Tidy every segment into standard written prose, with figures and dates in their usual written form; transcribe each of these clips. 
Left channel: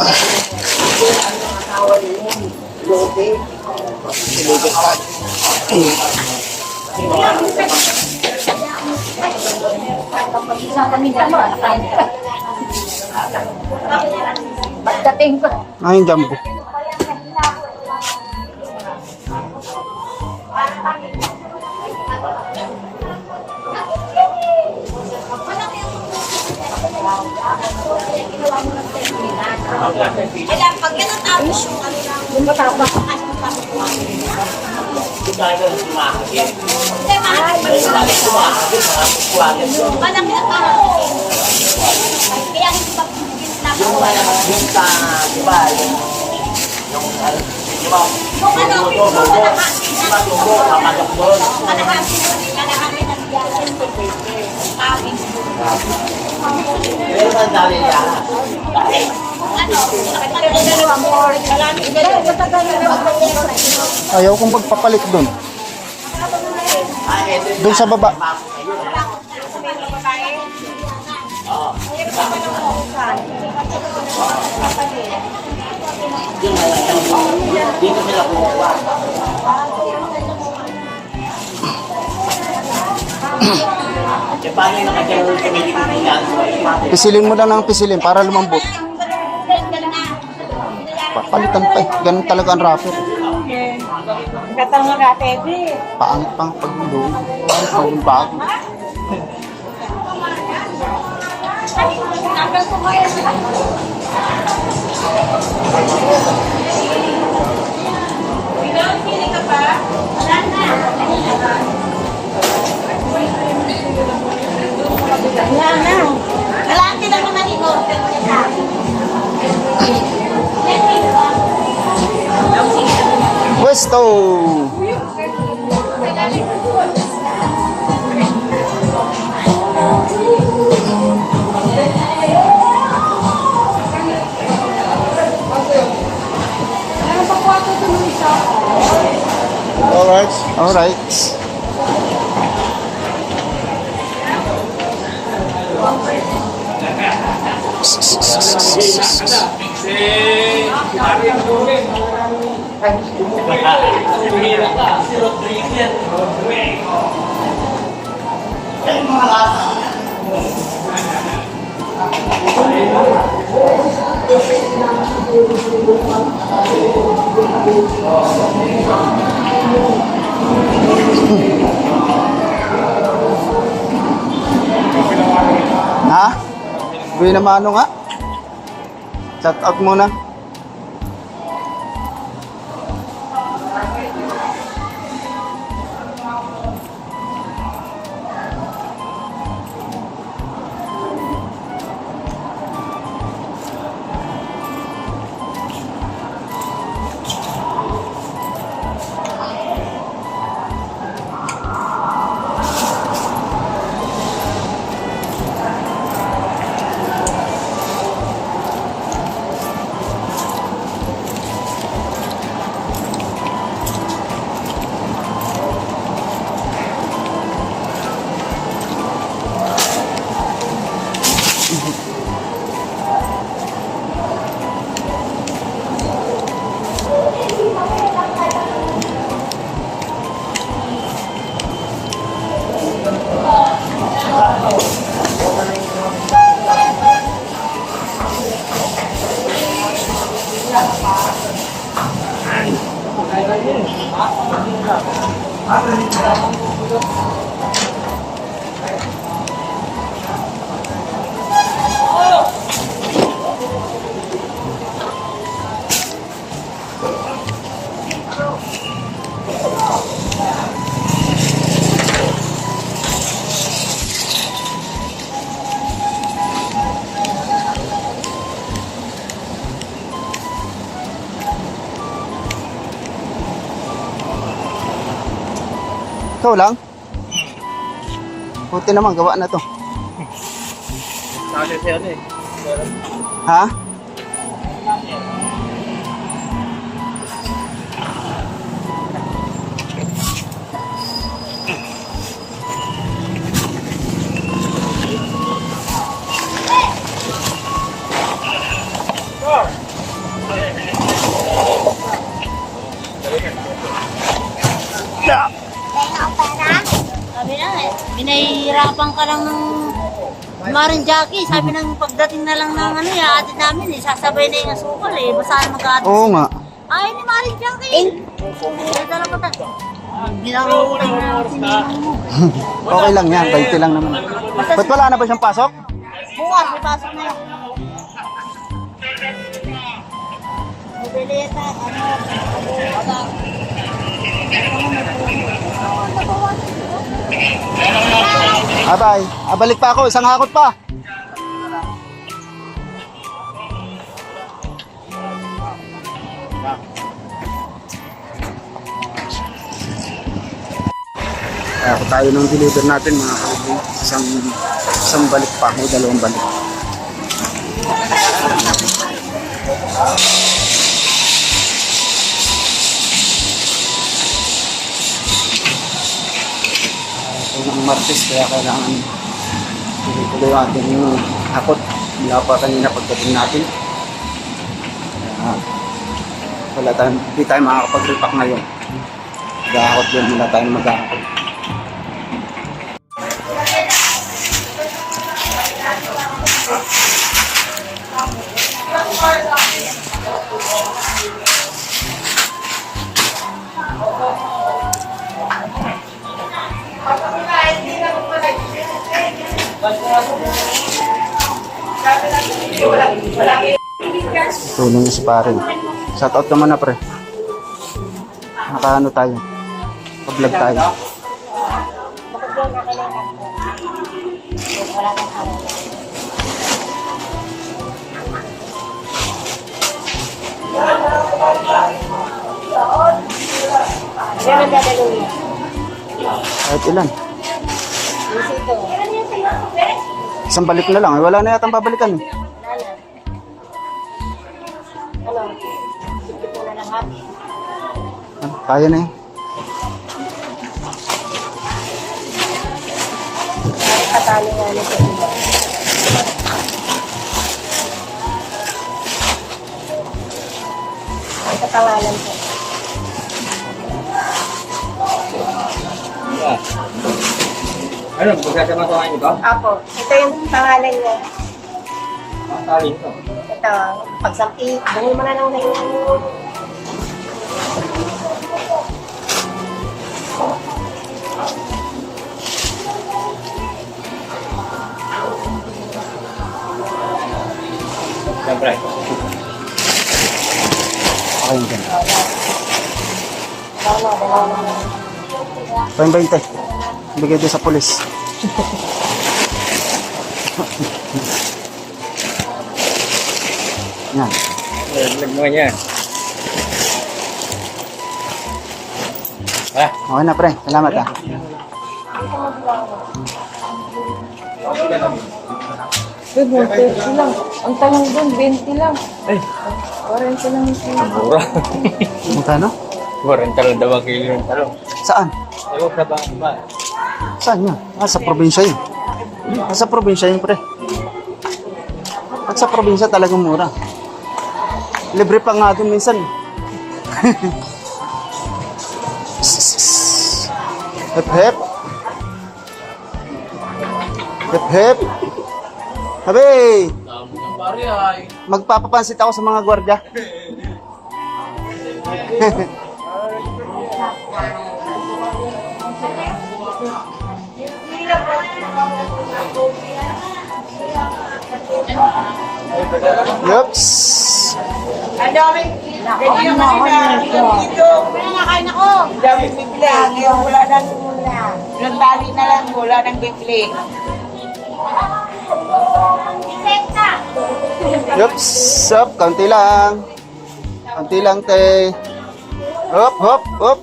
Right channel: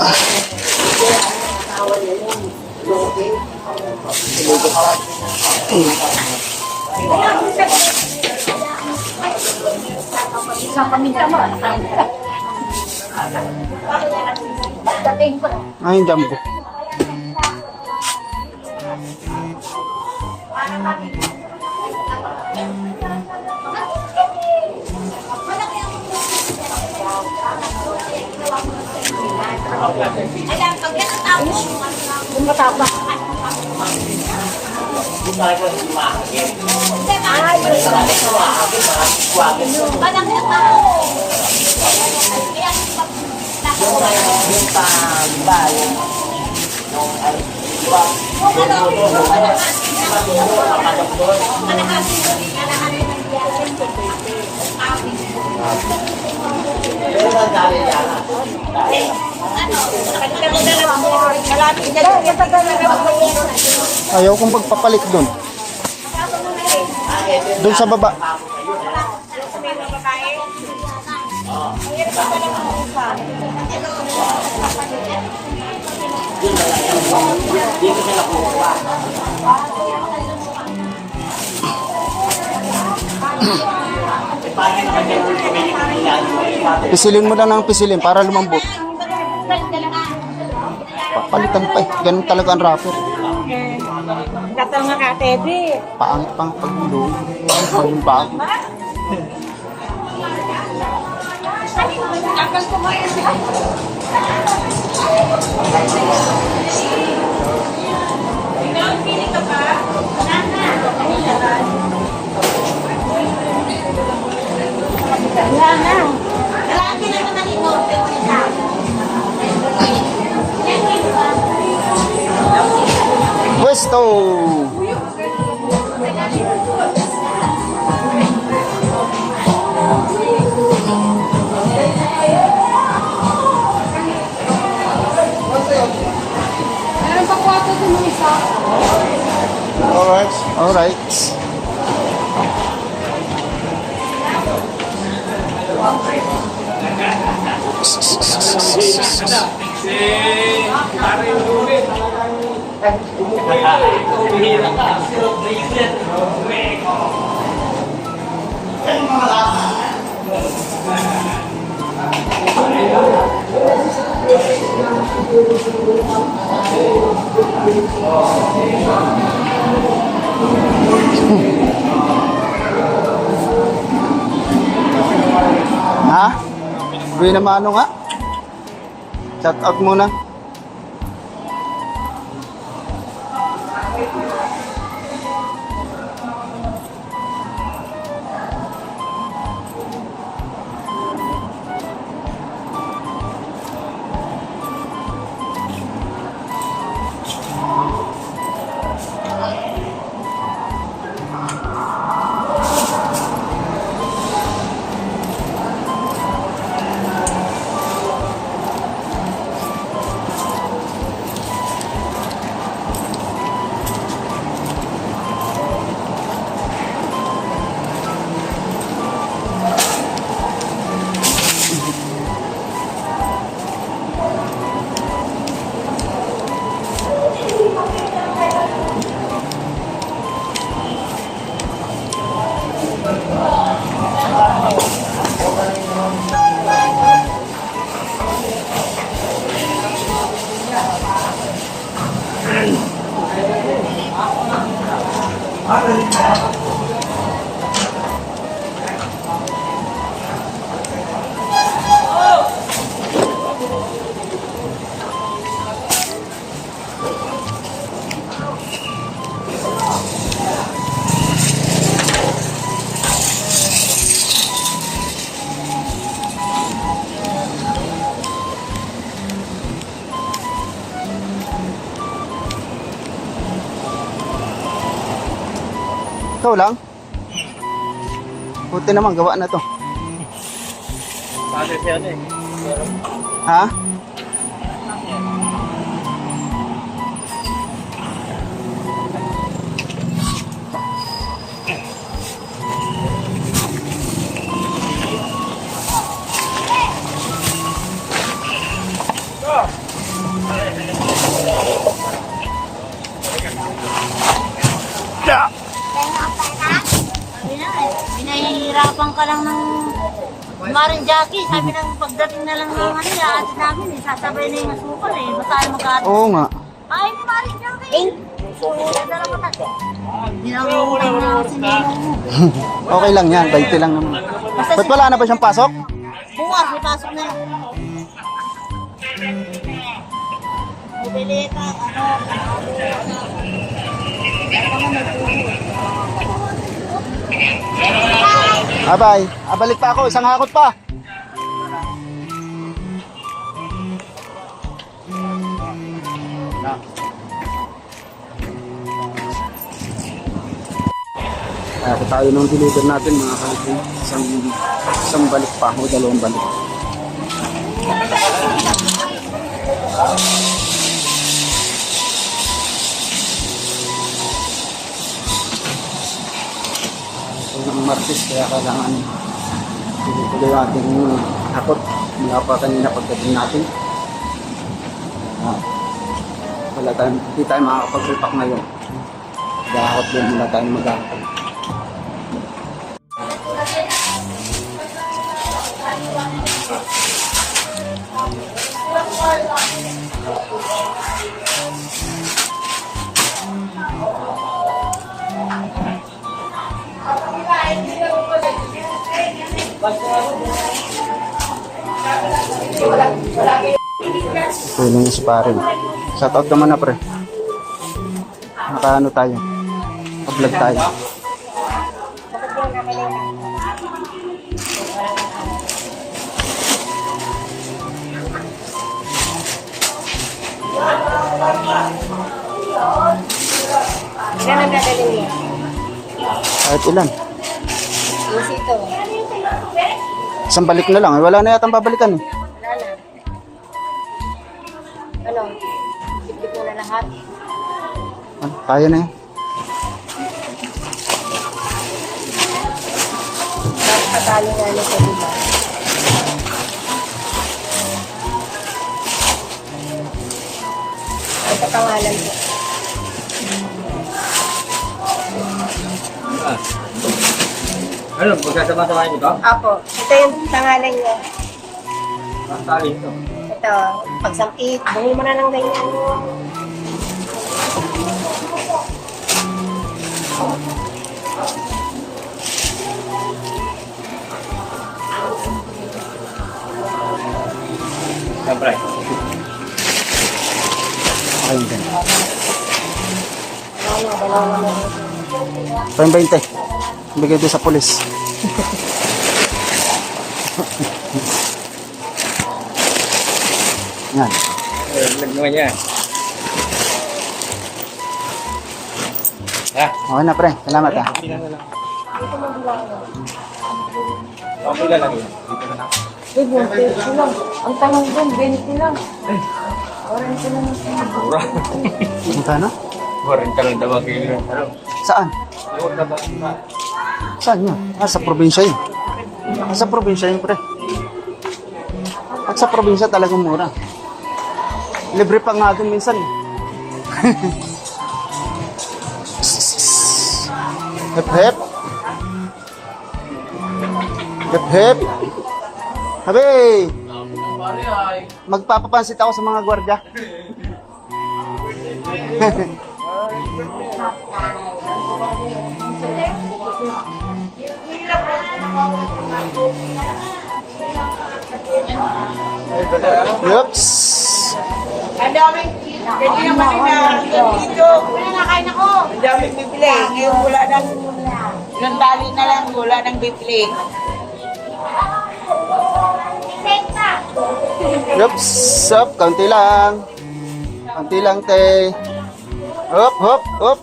Lugat tayo. Ayun, jumbo. Ayaw kong pagpapalit doon. Doon sa baba. Pisilin mo lang ng pisilin para lumambot. Papalitan pa eh. Ganun talaga ang rapper. Katang nga katedi. Paangit pang paglulo. Pagbago. Pwesto. All right. Ha? Buwi naman ano nga? Shout out muna. Ikaw lang? Buti naman, gawa na to. Ha? Maring Jackie, sabi ng pagdating na lang ng ano yung ate namin eh, sasabay na yung asukal eh. Basta mag-aatis. Oo nga. Ay, ni Maring Jackie. Ginamutang na si Ninong mo. Okay lang yan, 20 lang naman. Ba't wala na ba siyang pasok? Bukas, may pasok na yun. Mobileta, Abay, abalik pa ako, isang hakot pa. Kaya ako tayo nung deliver natin mga kalibing. Isang balik pa o dalawang balik. Ito ng Martes kaya kailangan tuloy-tuloy yung ating hakot mula pa kanina pagdating natin. Hindi tayo makakapag-repack ngayon. Mag-hakot din mula tayo mag-hakot. Tulong niya si pare. Shoutout naman na pre. Nakaano tayo. Pa-vlog tayo. Kaya nagdadalhin mo. Kahit ilan. Lusito. Isang balik na lang. Wala na yatang babalikan eh. Ano? Sipit mo na lahat. Kaya na yun. Katalo nga nito diba? Ang katangalan ko. Ano, pagkakamasahan niyo ba? Ako, ito yung pangalan niya. Masaling ito. Ito, pagsampit, bumi mo na lang ganyan. Siyempre. Okay yun dyan. Dalawa na. Payong 20. Bigay din sa pulis. Yan. Vlog naman niya. Okay na pre. Salamat ah. Okay lang lang. 20 lang. Ang tanong doon, 20 lang. Orange lang yung sinabot. Mura. Magkano? 40 lang daw ang kilo ng talong. Saan? Ayun na ba? Saan yun? Sa probinsya yun. Sa probinsya yun pre. Pag sa probinsya talagang mura. Libre pa nga doon minsan. Hep hep. Hep hep. Habi! Magpapapansit ako sa mga gwardiya. Yups. Ang daming pwede yung kasi dito. Pwede na kain ako. Ang daming bibili. Yung wala ng tali na lang. Wala ng bibili. Yups. Up. Kaunti lang. Kaunti lang te. Hop, hop, hop.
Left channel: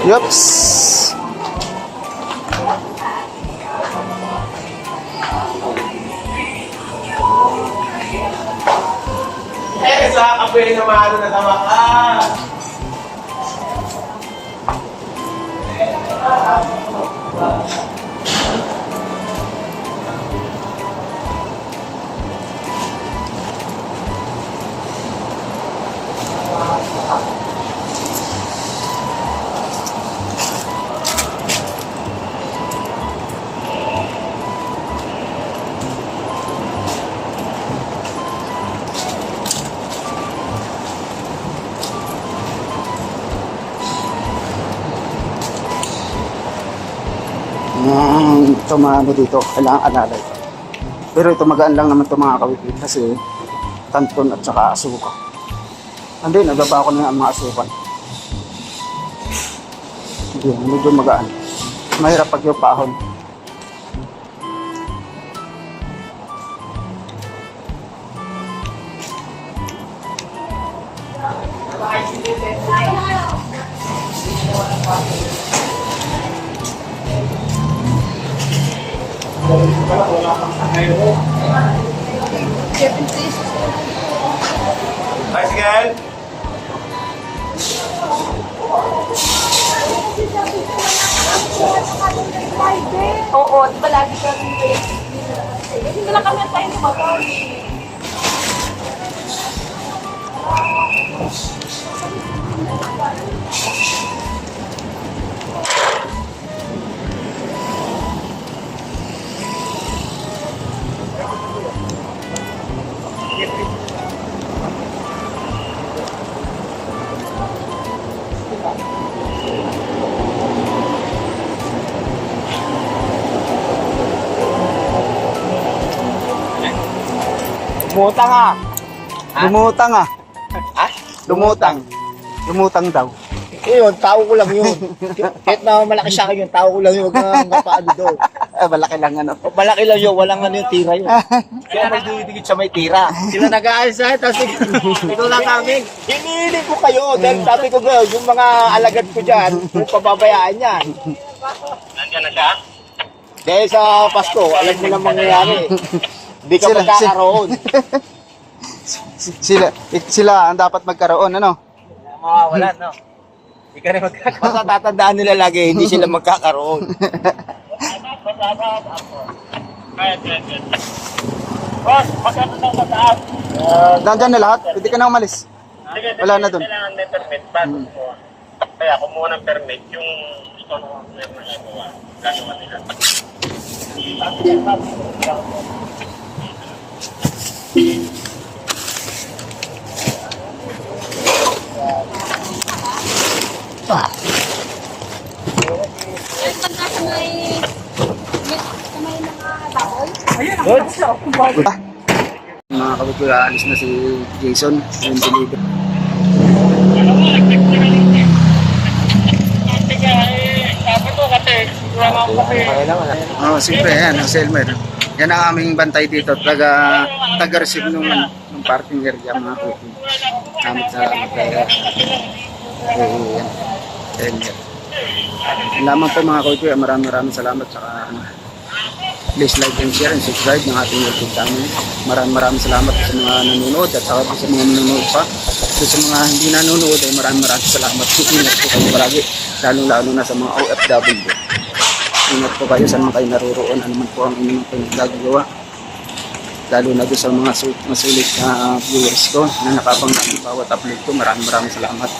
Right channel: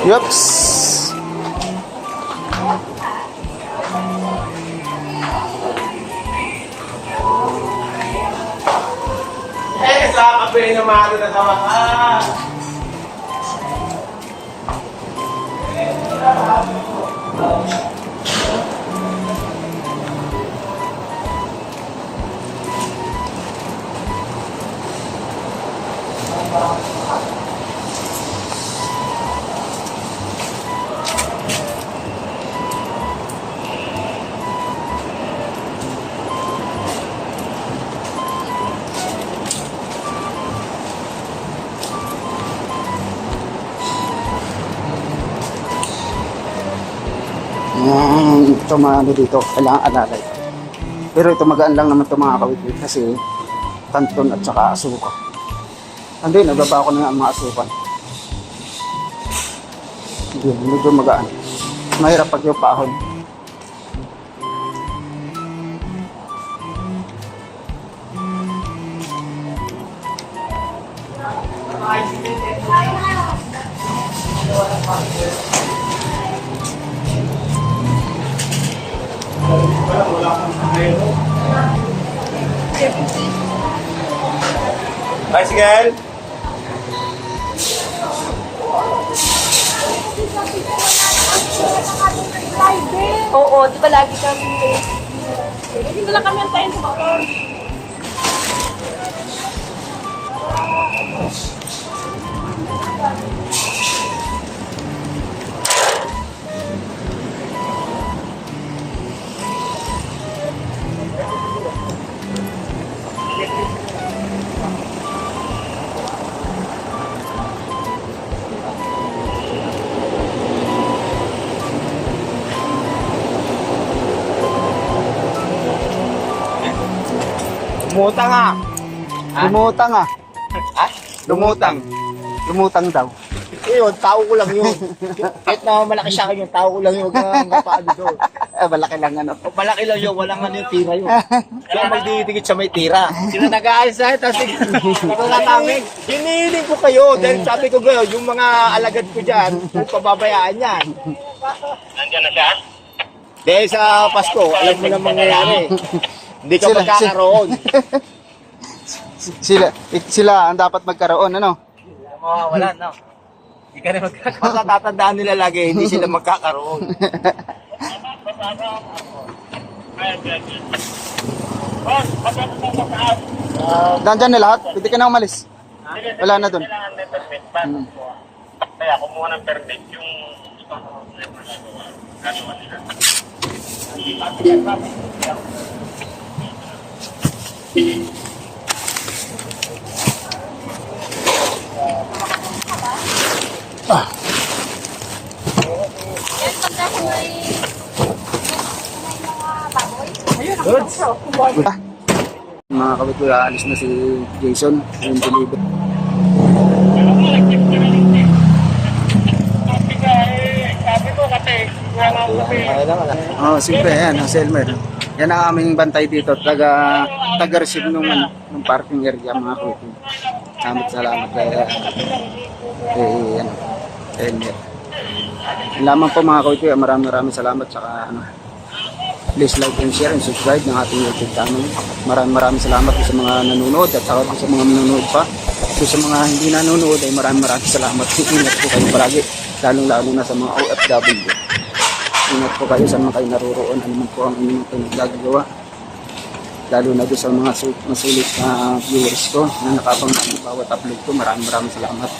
Yups. Sa apoy na mahalo na sa wakas. ito maano dito, kailangan alalay. Pero ito magaan lang naman ito mga kawitwit kasi tanton at saka asuka. Hindi, nababa ko na ang mga asukan. Hindi, medyo magaan. Mahirap pag yung paahon. Bicycle! Oo, di ba lagi kami hindi na kami ang tayo sa motor. Bumutang ah. Lumutang ah. Lumutang. Lumutang daw. Yun, tao ko lang yun. Kahit na malaki sa akin yun, tao ko lang yun. Huwag kang paano doon. Malaki lang ano. Malaki lang yun, walang ano yung tira yun. Sila may didikit sa may tira. Sila nag-aalis na, tapos ito na kami. Hinihiling ko kayo, dahil sabi ko kayo, yung mga alagad ko dyan, kung pababayaan yan. Nandiyan na siya? Dahil sa Pasko, alam mo lang mangyayari. Hindi ka magkakaroon. Sila ang dapat magkaroon, ano? Mawawalan, no? Hindi ka rin magkakaroon. Natatandaan nila lagi, hindi sila magkakaroon. Nandyan na lahat? Pwede ka na umalis? Wala na dun. Kailangan may permit pa. Kaya kumuha ng permit yung gano'n nila. Mga kabit, aalis na si Jason, yung deliver. Siyempre, yan, ang Selmer. Yan ang aming bantay dito, taga-receive nung parking area, mga kabit. Salamat kaya yan, Selmer. Yan lamang po mga kabit, maraming salamat saka please like and share and subscribe ng ating YouTube channel. Maraming salamat sa mga nanonood at saka sa mga nanonood pa. Sa mga hindi nanonood ay maraming salamat. Ingat po kayo palagi, lalo na sa mga OFW. Ingat po kayo sa mga kayo naruroon, ano man po ang inyong pinagagawa. Lalo na doon sa mga masulit na viewers ko na nakapang bawat upload ko. Maraming salamat.